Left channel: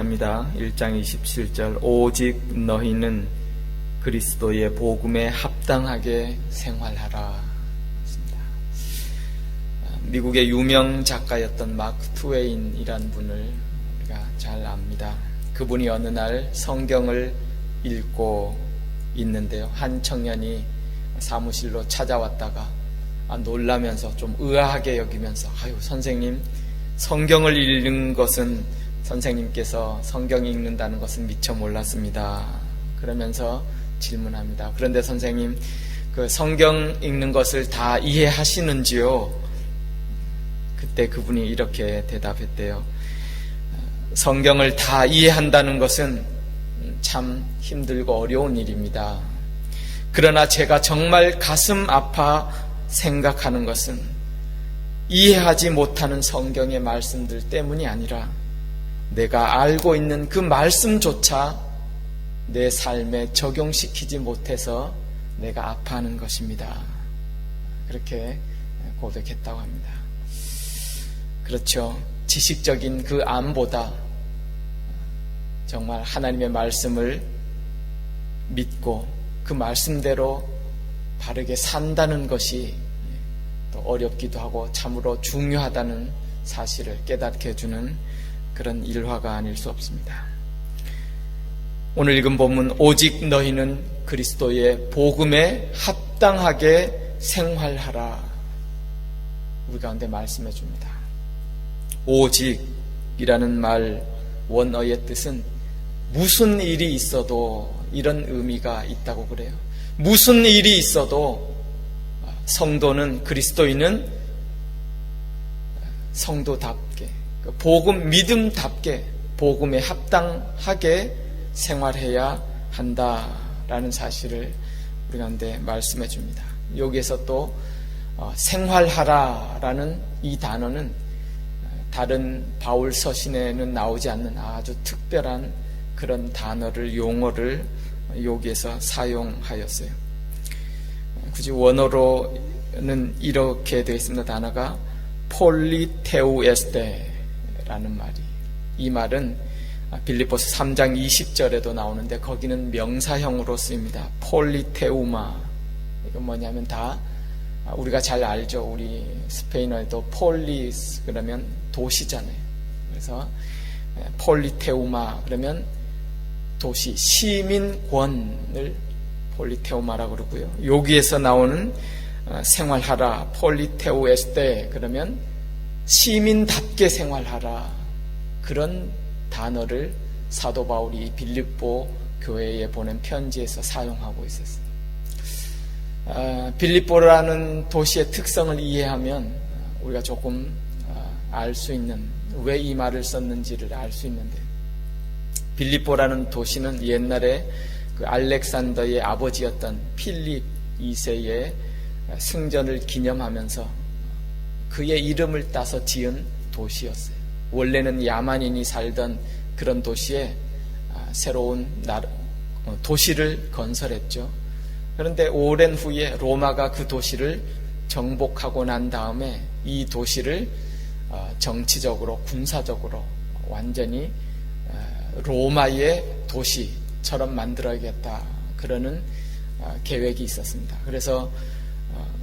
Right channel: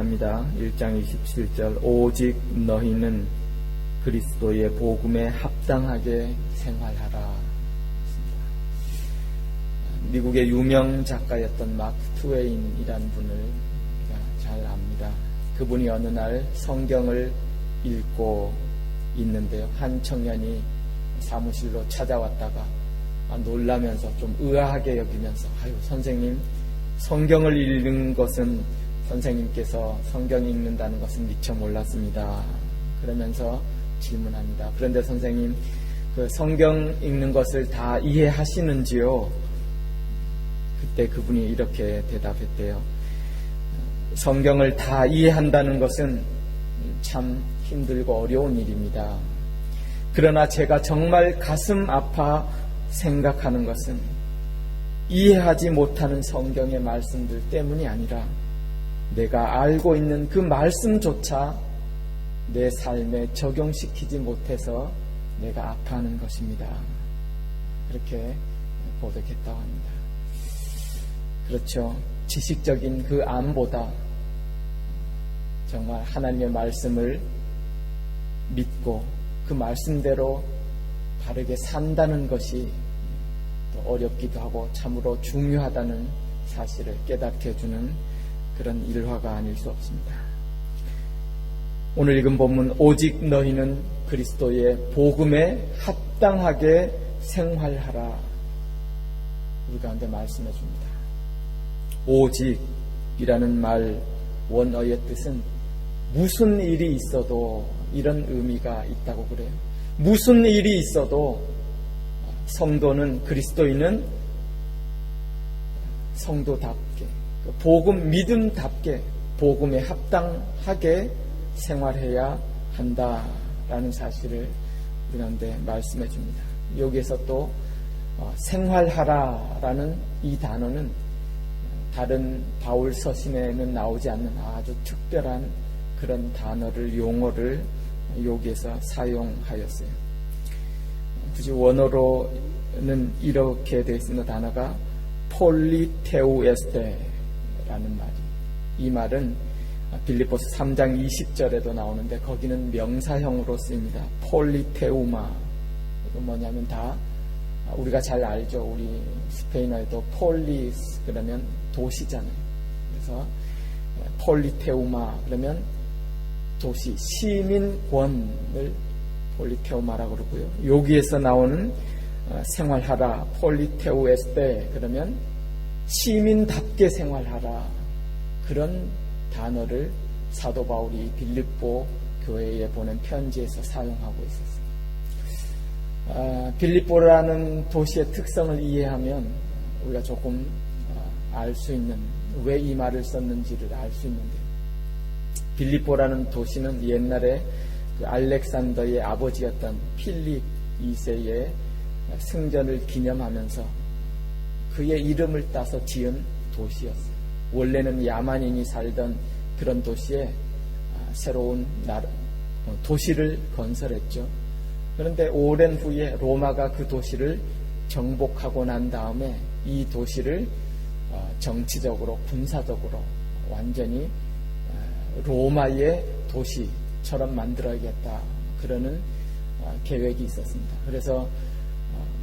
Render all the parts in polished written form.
합니다. 1장 27절 오직 너희는 그리스도의 복음에 합당하게 생활하라. 미국의 유명 작가였던 마크 트웨인이라는 분을 우리가 잘 압니다. 그분이 어느 날 성경을 읽고 있는데요. 한 청년이 사무실로 찾아왔다가 놀라면서 좀 의아하게 여기면서 아유 선생님, 성경을 읽는 것은 선생님께서 성경 읽는다는 것은 미처 몰랐습니다. 그러면서 질문합니다. 그런데 선생님, 그 성경 읽는 것을 다 이해하시는지요? 그때 그분이 이렇게 대답했대요. 성경을 다 이해한다는 것은 참 힘들고 어려운 일입니다. 그러나 제가 정말 가슴 아파 생각하는 것은 이해하지 못하는 성경의 말씀들 때문이 아니라 내가 알고 있는 그 말씀조차 내 삶에 적용시키지 못해서 내가 아파하는 것입니다. 그렇게 고백했다고 합니다. 그렇죠. 지식적인 그 암보다 정말 하나님의 말씀을 믿고 그 말씀대로 바르게 산다는 것이 또 어렵기도 하고 참으로 중요하다는 사실을 깨닫게 해주는 그런 일화가 아닐 수 없습니다. 오늘 읽은 본문 오직 너희는 그리스도의 복음에 합당하게 생활하라. 우리 가운데 말씀해 줍니다. 오직이라는 말 원어의 뜻은 무슨 일이 있어도 이런 의미가 있다고 그래요. 무슨 일이 있어도 성도는 그리스도인은 성도답게 복음 믿음답게 복음에 합당하게 생활해야 한다라는 사실을 우리 가운데 말씀해 줍니다. 여기에서 또 생활하라라는 이 단어는 다른 바울 서신에는 나오지 않는 아주 특별한 그런 단어를 용어를 여기에서 사용하였어요. 굳이 원어로는 이렇게 되어 있습니다. 단어가 폴리테우에스테라는 말이, 이 말은 빌립보서 3장 20절에도 나오는데 거기는 명사형으로 쓰입니다. 폴리테우마. 이건 뭐냐면 다 우리가 잘 알죠. 우리 스페인어에도 폴리스 그러면 도시잖아요. 그래서 폴리테우마 그러면 도시, 시민권을 폴리테우마라고 그러고요. 여기에서 나오는 생활하라, 폴리테우에스테 그러면 시민답게 생활하라, 그런 단어를 사도 바울이 빌립보 교회에 보낸 편지에서 사용하고 있었어요. 빌립보라는 도시의 특성을 이해하면 우리가 조금 알 수 있는, 왜 이 말을 썼는지를 알 수 있는데, 빌립보라는 도시는 옛날에 그 알렉산더의 아버지였던 필립 2세의 승전을 기념하면서 그의 이름을 따서 지은 도시였어요. 원래는 야만인이 살던 그런 도시에 새로운 도시를 건설했죠. 그런데 오랜 후에 로마가 그 도시를 정복하고 난 다음에 이 도시를 정치적으로 군사적으로 완전히 로마의 도시처럼 만들어야겠다, 그러는 계획이 있었습니다. 그래서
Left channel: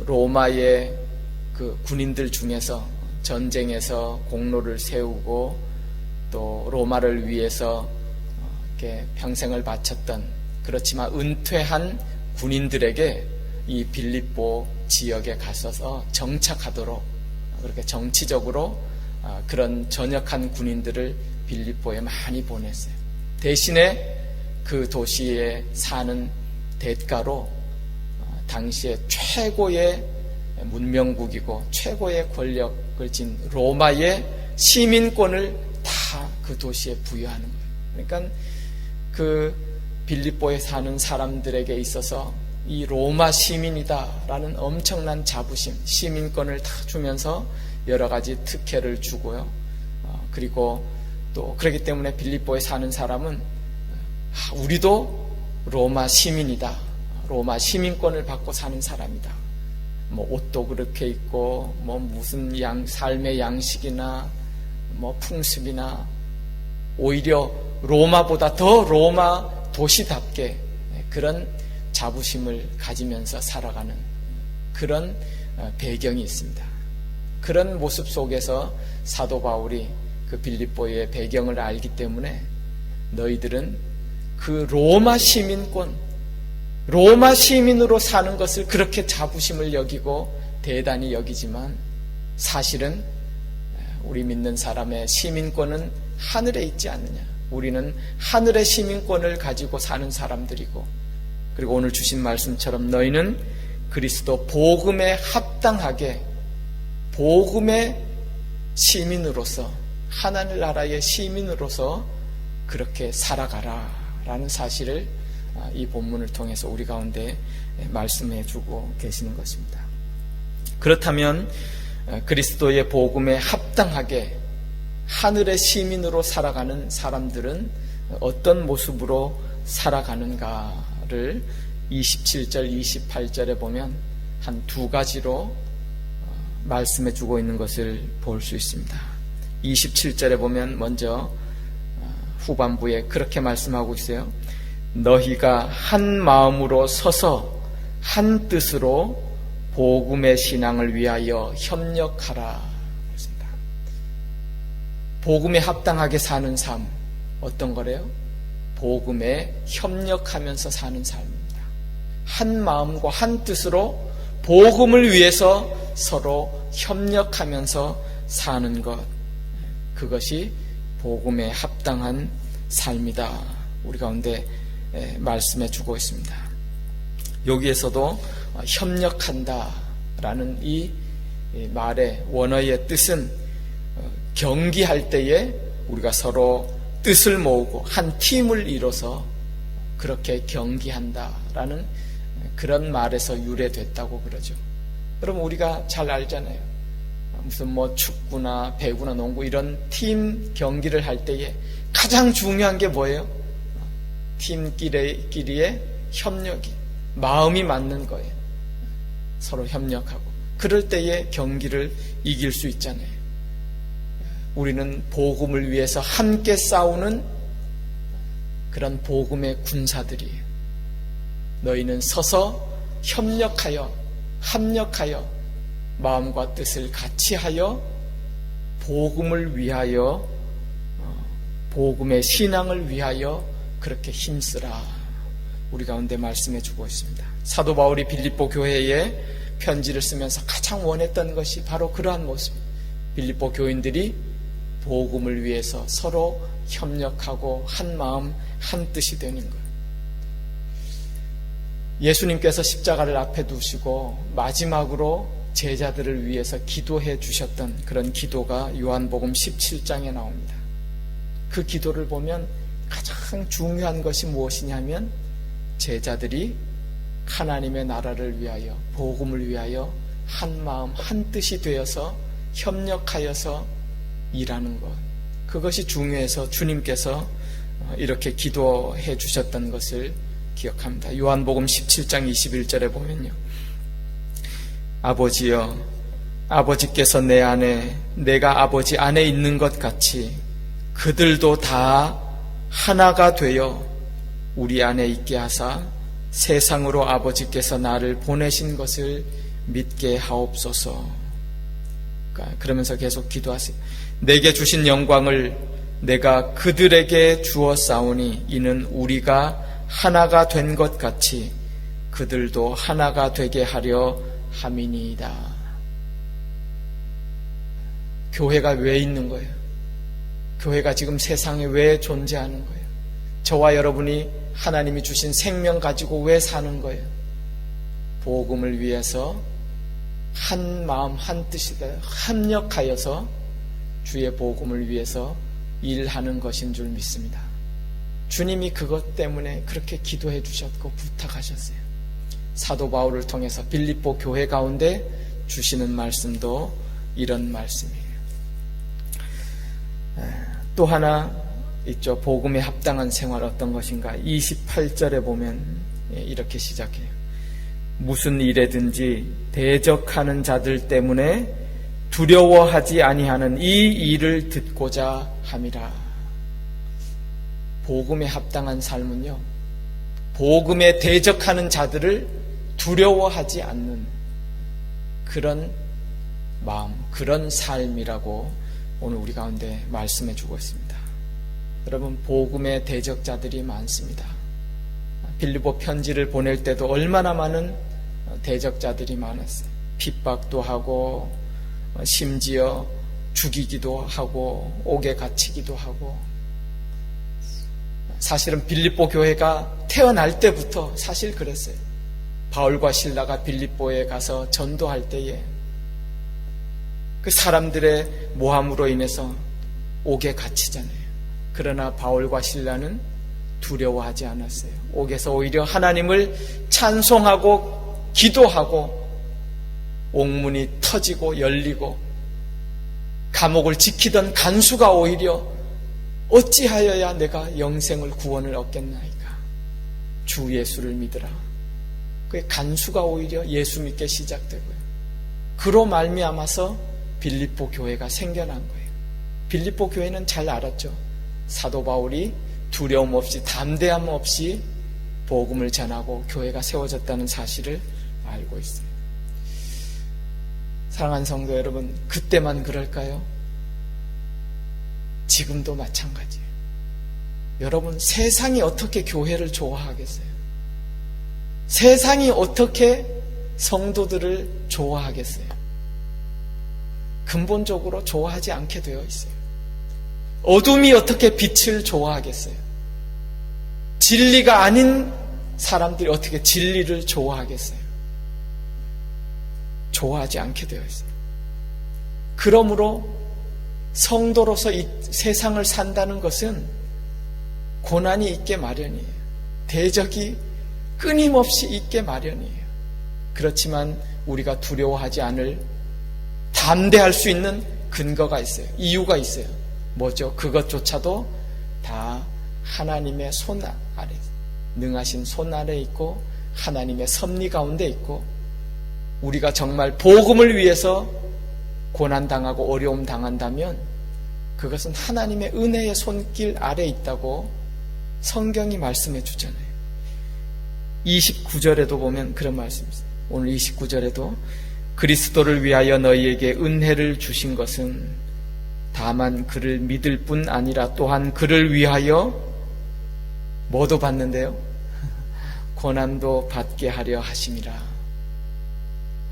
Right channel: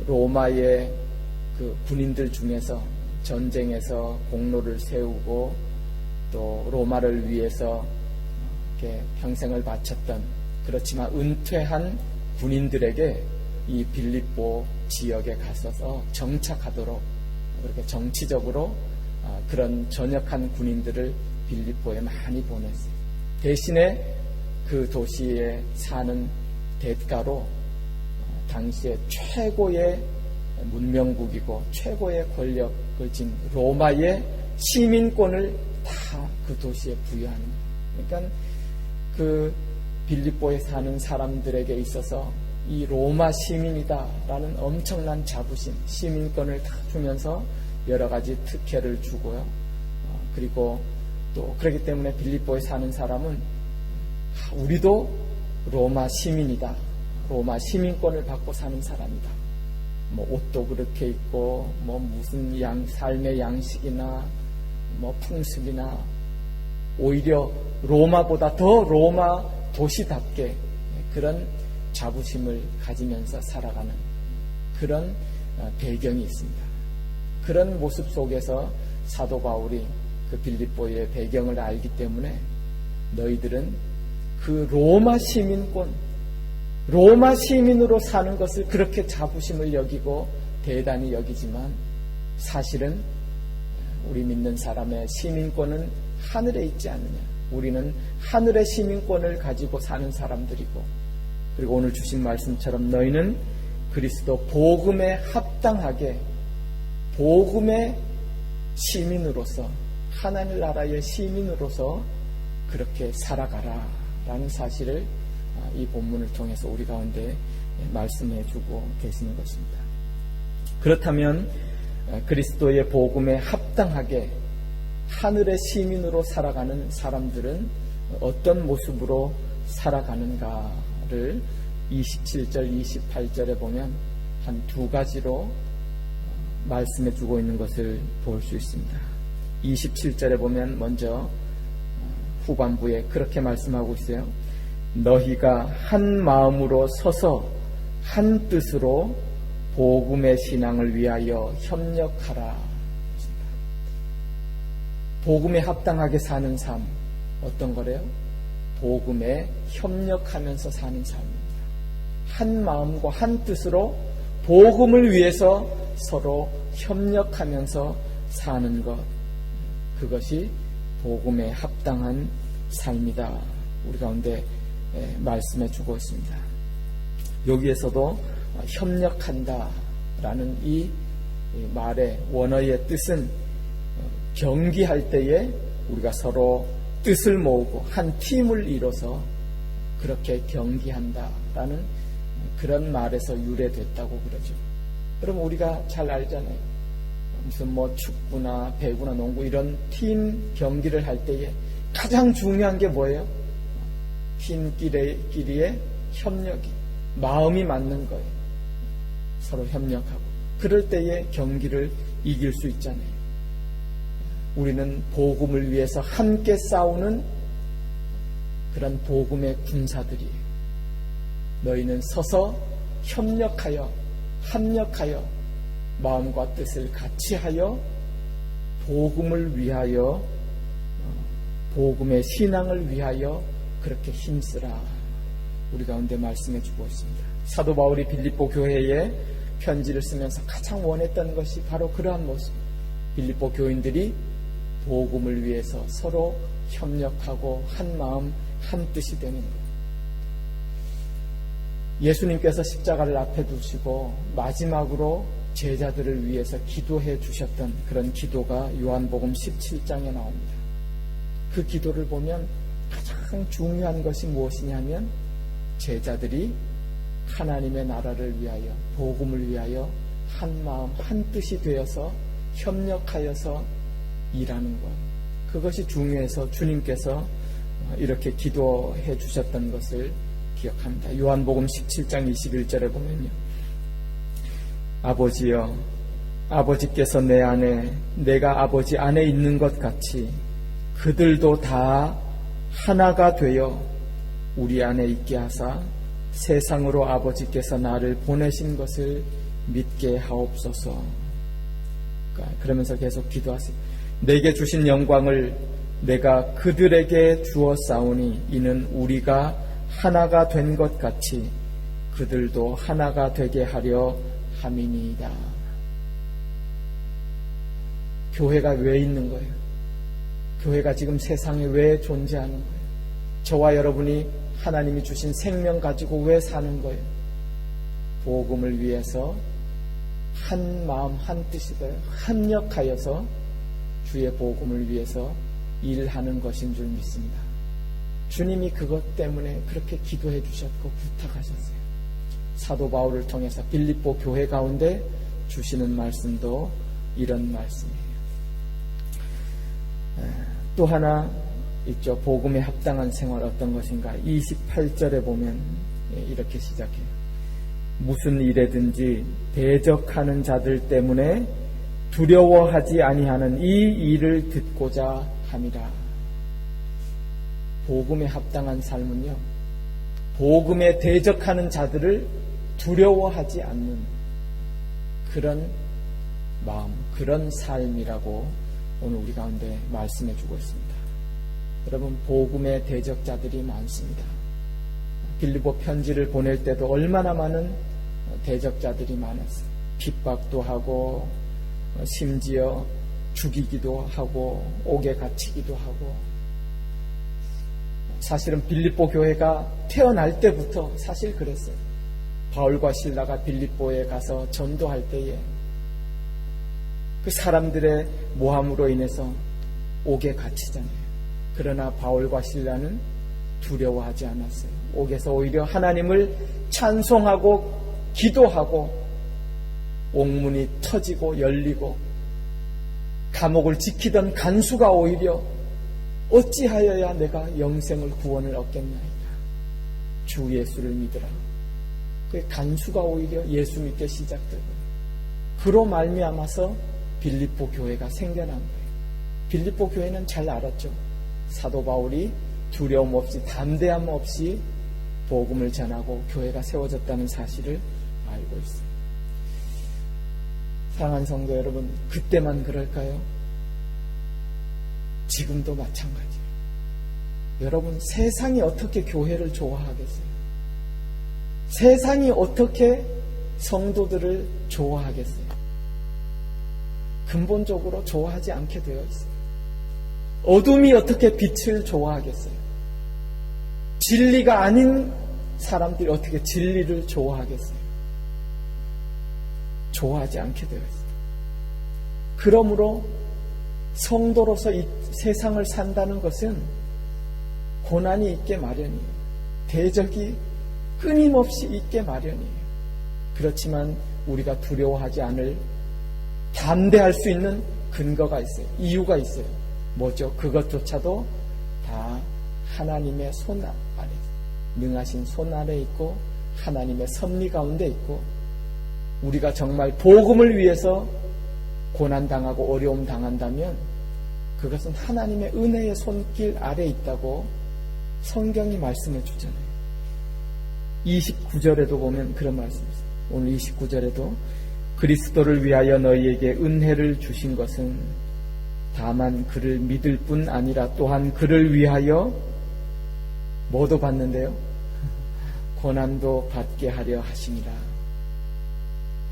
로마의 그 군인들 중에서 전쟁에서 공로를 세우고 또 로마를 위해서 이렇게 평생을 바쳤던, 그렇지만 은퇴한 군인들에게 이 빌립보 지역에 가서서 정착하도록 그렇게 정치적으로 그런 전역한 군인들을 빌립보에 많이 보냈어요. 대신에 그 도시에 사는 대가로 당시에 최고의 문명국이고 최고의 권력을 진 로마의 시민권을 다 그 도시에 부여하는 거예요. 그러니까 그 빌립보에 사는 사람들에게 있어서 이 로마 시민이다라는 엄청난 자부심, 시민권을 다 주면서 여러 가지 특혜를 주고요. 그리고 또 그렇기 때문에 빌립보에 사는 사람은 우리도 로마 시민이다, 로마 시민권을 받고 사는 사람이다. 뭐 옷도 그렇게 입고 뭐 무슨 삶의 양식이나 뭐 풍습이나 오히려 로마보다 더 로마 도시답게 그런 자부심을 가지면서 살아가는 그런 배경이 있습니다. 그런 모습 속에서 사도 바울이 그 빌립보의 배경을 알기 때문에 너희들은 그 로마 시민권, 로마 시민으로 사는 것을 그렇게 자부심을 여기고 대단히 여기지만 사실은 우리 믿는 사람의 시민권은 하늘에 있지 않느냐. 우리는 하늘의 시민권을 가지고 사는 사람들이고, 그리고 오늘 주신 말씀처럼 너희는 그리스도 복음에 합당하게 복음의 시민으로서, 하나님 나라의 시민으로서 그렇게 살아가라 라는 사실을 이 본문을 통해서 우리 가운데 말씀해 주고 계시는 것입니다. 그렇다면 그리스도의 복음에 합당하게 하늘의 시민으로 살아가는 사람들은 어떤 모습으로 살아가는가를 27절, 28절에 보면 한 두 가지로 말씀해 주고 있는 것을 볼 수 있습니다. 27절에 보면 먼저 후반부에 그렇게 말씀하고 있어요. 너희가 한 마음으로 서서 한 뜻으로 복음의 신앙을 위하여 협력하라. 복음에 합당하게 사는 삶, 어떤 거래요? 복음에 협력하면서 사는 삶입니다. 한 마음과 한 뜻으로 복음을 위해서 서로 협력하면서 사는 것, 그것이 복음에 합당한 삶이다. 우리 가운데 말씀해 주고 있습니다. 여기에서도 협력한다라는 이 말의 원어의 뜻은 경기할 때에 우리가 서로 뜻을 모으고 한 팀을 이뤄서 그렇게 경기한다라는 그런 말에서 유래됐다고 그러죠. 여러분, 우리가 잘 알잖아요. 무슨 축구나 배구나 농구 이런 팀 경기를 할 때에 가장 중요한 게 뭐예요? 팀끼리의 협력이, 마음이 맞는 거예요. 서로 협력하고 그럴 때에 경기를 이길 수 있잖아요. 우리는 복음을 위해서 함께 싸우는 그런 복음의 군사들이에요. 너희는 서서 협력하여, 합력하여 마음과 뜻을 같이 하여 복음을 위하여, 복음의 신앙을 위하여 그렇게 힘쓰라. 우리 가운데 말씀해 주고 있습니다. 사도 바울이 빌립보 교회에 편지를 쓰면서 가장 원했던 것이 바로 그러한 모습. 빌립보 교인들이 복음을 위해서 서로 협력하고 한 마음 한 뜻이 되는 것. 예수님께서 십자가를 앞에 두시고 마지막으로 제자들을 위해서 기도해 주셨던 그런 기도가 요한복음 17장에 나옵니다. 그 기도를 보면 가장 중요한 것이 무엇이냐면 제자들이 하나님의 나라를 위하여, 복음을 위하여 한 마음 한 뜻이 되어서 협력하여서 일하는 것, 그것이 중요해서 주님께서 이렇게 기도해 주셨던 것을 기억합니다. 요한복음 17장 21절에 보면요, 아버지여, 아버지께서 내 안에, 내가 아버지 안에 있는 것 같이 그들도 다 하나가 되어 우리 안에 있게 하사 세상으로 아버지께서 나를 보내신 것을 믿게 하옵소서. 그러면서 계속 기도하세요. 내게 주신 영광을 내가 그들에게 주었사오니 이는 우리가 하나가 된 것 같이 그들도 하나가 되게 하려 함이니이다. 교회가 왜 있는 거예요? 교회가 지금 세상에 왜 존재하는 거예요? 저와 여러분이 하나님이 주신 생명 가지고 왜 사는 거예요? 복음을 위해서 한 마음 한 뜻이다 합력하여서 주의 복음을 위해서 일하는 것인 줄 믿습니다. 주님이 그것 때문에 그렇게 기도해 주셨고 부탁하셨어요. 사도 바울을 통해서 빌립보 교회 가운데 주시는 말씀도 이런 말씀이에요. 또 하나 있죠. 복음에 합당한 생활 어떤 것인가. 28절에 보면 이렇게 시작해요. 무슨 일에든지 대적하는 자들 때문에 두려워하지 아니하는 이 일을 듣고자 함이라. 복음에 합당한 삶은요, 복음에 대적하는 자들을 두려워하지 않는 그런 마음, 그런 삶이라고 오늘 우리 가운데 말씀해 주고 있습니다. 여러분, 복음의 대적자들이 많습니다. 빌립보 편지를 보낼 때도 얼마나 많은 대적자들이 많았어요. 핍박도 하고 심지어 죽이기도 하고 옥에 갇히기도 하고. 사실은 빌립보 교회가 태어날 때부터 사실 그랬어요. 바울과 실라가 빌립보에 가서 전도할 때에 그 사람들의 모함으로 인해서 옥에 갇히잖아요. 그러나 바울과 실라는 두려워하지 않았어요. 옥에서 오히려 하나님을 찬송하고 기도하고 옥문이 터지고 열리고 감옥을 지키던 간수가 오히려 어찌하여야 내가 영생을 구원을 얻겠나이까? 주 예수를 믿으라. 그 간수가 오히려 예수 믿게 시작되고요. 그로 말미암아서 빌립보 교회가 생겨난 거예요. 빌립보 교회는 잘 알았죠. 사도 바울이 두려움 없이 담대함 없이 복음을 전하고 교회가 세워졌다는 사실을 알고 있어요. 사랑하는 성도 여러분, 그때만 그럴까요? 지금도 마찬가지예요. 여러분, 세상이 어떻게 교회를 좋아하겠어요? 세상이 어떻게 성도들을 좋아하겠어요? 근본적으로 좋아하지 않게 되어 있어요. 어둠이 어떻게 빛을 좋아하겠어요? 진리가 아닌 사람들이 어떻게 진리를 좋아하겠어요? 좋아하지 않게 되어 있어요. 그러므로 성도로서 이 세상을 산다는 것은 고난이 있게 마련이에요. 대적이 끊임없이 있게 마련이에요. 그렇지만 우리가 두려워하지 않을, 담대할 수 있는 근거가 있어요. 이유가 있어요. 뭐죠? 그것조차도 다 하나님의 손 아래, 능하신 손 아래 있고 하나님의 섭리 가운데 있고, 우리가 정말 복음을 위해서 고난당하고 어려움 당한다면 그것은 하나님의 은혜의 손길 아래 있다고 성경이 말씀해 주잖아요. 29절에도 보면 그런 말씀이 있어요. 오늘 29절에도 그리스도를 위하여 너희에게 은혜를 주신 것은 다만 그를 믿을 뿐 아니라 또한 그를 위하여 뭐도 받는데요? 고난도 받게 하려 하심이라.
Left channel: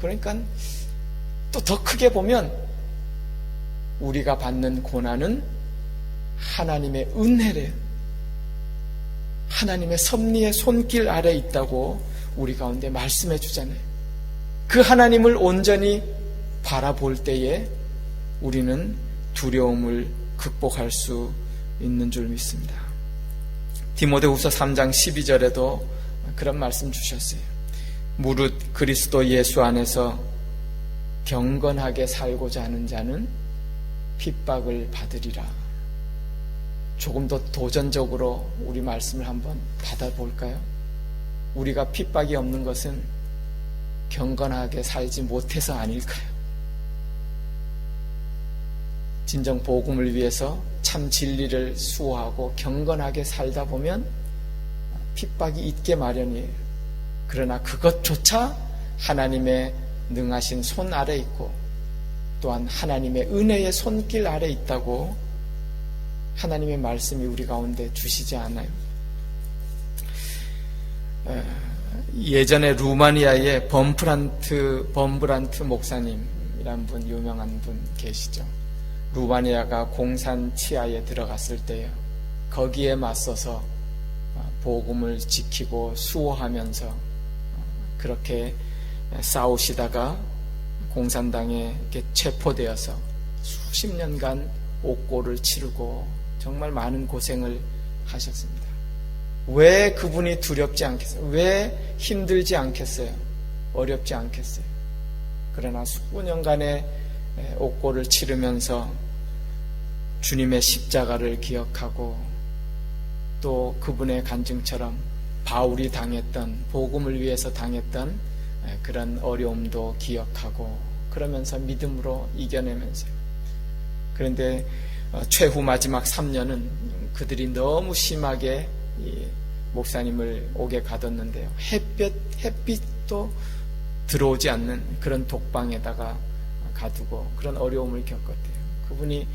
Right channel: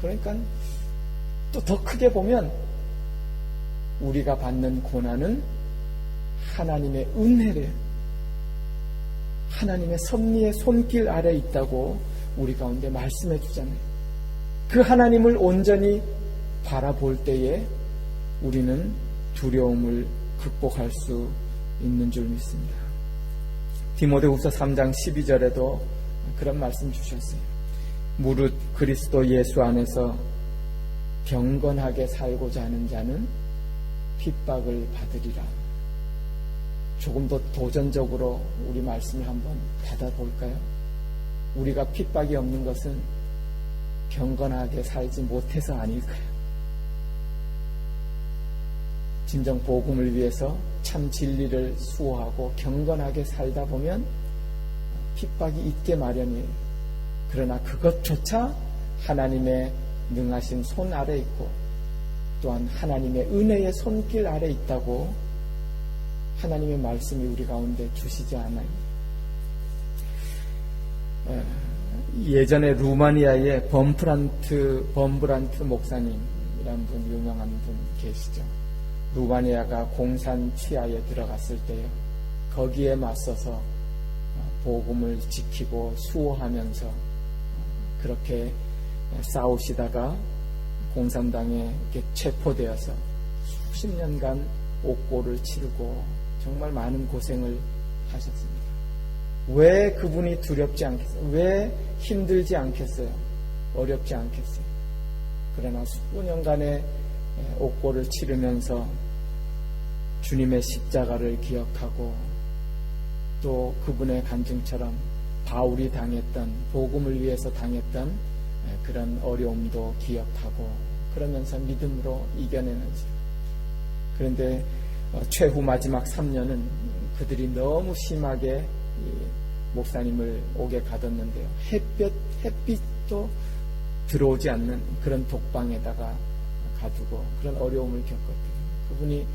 그러니까 또 더 크게 보면 우리가 받는 고난은 하나님의 은혜래요. 하나님의 섭리의 손길 아래 있다고 우리 가운데 말씀해 주잖아요. 그 하나님을 온전히 바라볼 때에 우리는 두려움을 극복할 수 있는 줄 믿습니다. 디모데후서 3장 12절에도 그런 말씀 주셨어요. 무릇 그리스도 예수 안에서 경건하게 살고자 하는 자는 핍박을 받으리라. 조금 더 도전적으로 우리 말씀을 한번 받아볼까요? 우리가 핍박이 없는 것은 경건하게 살지 못해서 아닐까요? 진정 복음을 위해서 참 진리를 수호하고 경건하게 살다 보면 핍박이 있게 마련이에요. 그러나 그것조차 하나님의 능하신 손 아래 있고 또한 하나님의 은혜의 손길 아래 있다고 하나님의 말씀이 우리 가운데 주시지 않아요. 예전에 루마니아의 범브란트 목사님이란 분, 유명한 분 계시죠. 루마니아가 공산 치하에 들어갔을 때요, 거기에 맞서서 복음을 지키고 수호하면서 그렇게 싸우시다가 공산당에 이렇게 체포되어서 수십 년간 옥고를 치르고 정말 많은 고생을 하셨습니다. 왜 그분이 두렵지 않겠어요? 왜 힘들지 않겠어요? 어렵지 않겠어요? 그러나 수년간의 옥고를 치르면서 주님의 십자가를 기억하고 또 그분의 간증처럼 바울이 당했던, 복음을 위해서 당했던 그런 어려움도 기억하고 그러면서 믿음으로 이겨내면서, 그런데 최후 마지막 3년은 그들이 너무 심하게 이 목사님을 옥에 가뒀는데요. 햇빛도 들어오지 않는 그런 독방에다가 가두고 그런 어려움을 겪었대요. 그분이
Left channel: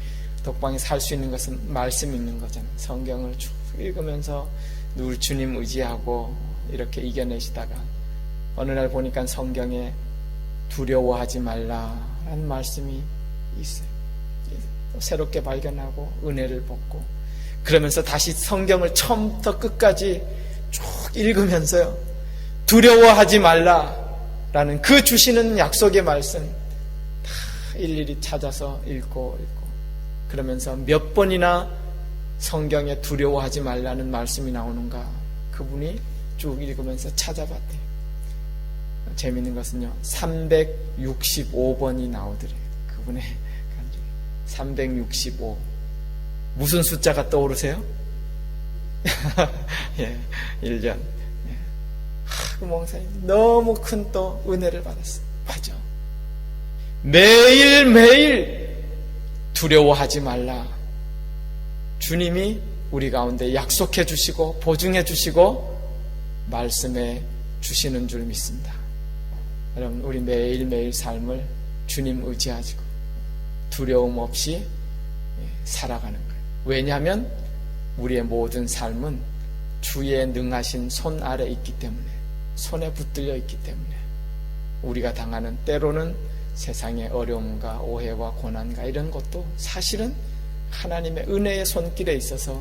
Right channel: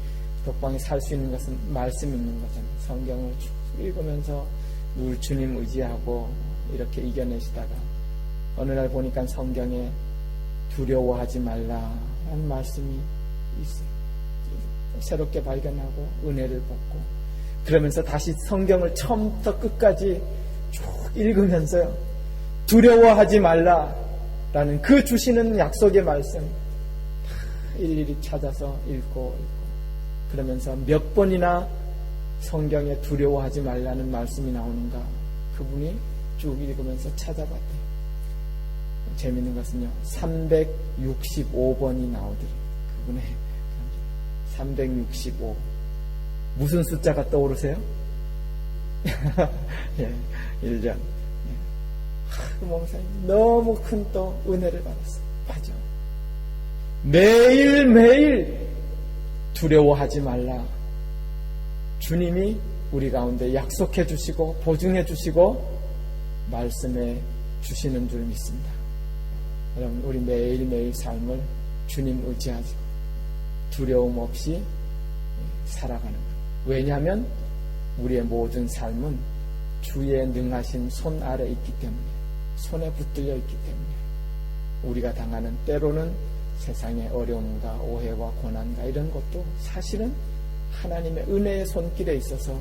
독방에 살 수 있는 것은 말씀 읽는 거잖아요. 성경을 쭉 읽으면서 늘 주님 의지하고 이렇게 이겨내시다가 어느 날 보니까 성경에 두려워하지 말라라는 말씀이 있어요. 새롭게 발견하고 은혜를 받고 그러면서 다시 성경을 처음부터 끝까지 쭉 읽으면서요. 두려워하지 말라라는 그 주시는 약속의 말씀 다 일일이 찾아서 읽고 그러면서 몇 번이나 성경에 두려워하지 말라는 말씀이 나오는가 그분이 쭉 읽으면서 찾아봤대요. 재미있는 것은요 365번이 나오더래요. 그분의 365 무슨 숫자가 떠오르세요? 예, 1년. 예. 그 목사님 너무 큰 또 은혜를 받았어요. 맞아. 매일매일 두려워하지 말라. 주님이 우리 가운데 약속해 주시고 보증해 주시고 말씀해 주시는 줄 믿습니다. 여러분 우리 매일매일 삶을 주님 의지하시고 두려움 없이 살아가는 거예요. 왜냐하면 우리의 모든 삶은 주의 능하신 손 아래 있기 때문에 손에 붙들려 있기 때문에 우리가 당하는 때로는 세상의 어려움과 오해와 고난과 이런 것도 사실은 하나님의 은혜의 손길에 있어서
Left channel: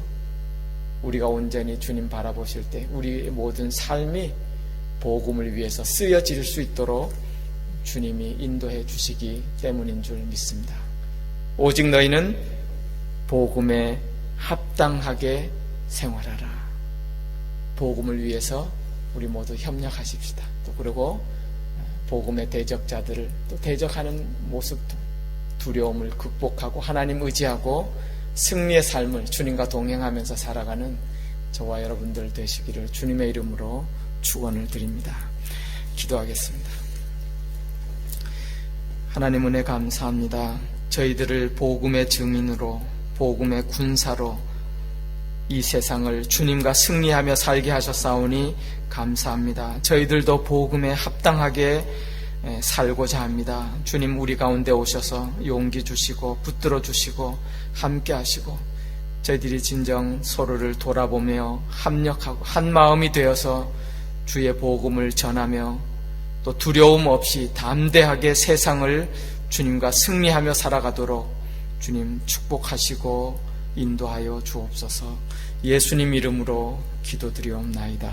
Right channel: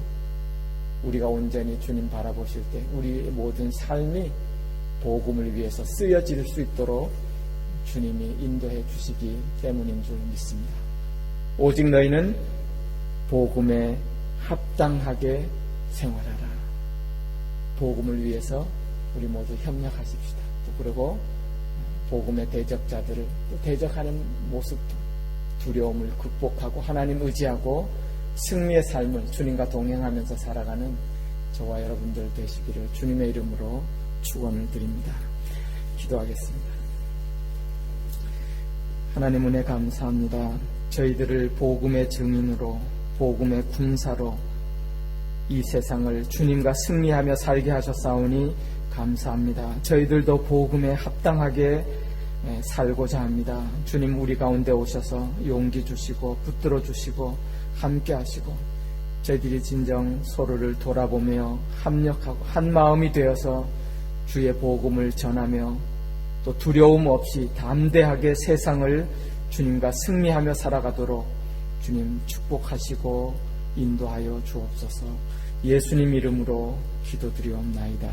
우리가 온전히 주님 바라보실 때 우리의 모든 삶이 복음을 위해서 쓰여질 수 있도록 주님이 인도해 주시기 때문인 줄 믿습니다. 오직 너희는 복음에 합당하게 생활하라. 복음을 위해서 우리 모두 협력하십시다. 또 그리고 복음의 대적자들을 또 대적하는 모습도 두려움을 극복하고 하나님 의지하고 승리의 삶을 주님과 동행하면서 살아가는 저와 여러분들 되시기를 주님의 이름으로 축원을 드립니다. 기도하겠습니다. 하나님 은혜 감사합니다. 저희들을 복음의 증인으로 복음의 군사로 이 세상을 주님과 승리하며 살게 하셨사오니 감사합니다. 저희들도 복음에 합당하게 살고자 합니다. 주님 우리 가운데 오셔서 용기 주시고 붙들어 주시고 함께 하시고 저희들이 진정 서로를 돌아보며 합력하고 한 마음이 되어서 주의 복음을 전하며 또 두려움 없이 담대하게 세상을 주님과 승리하며 살아가도록 주님 축복하시고 인도하여 주옵소서. 예수님 이름으로 기도드리옵나이다.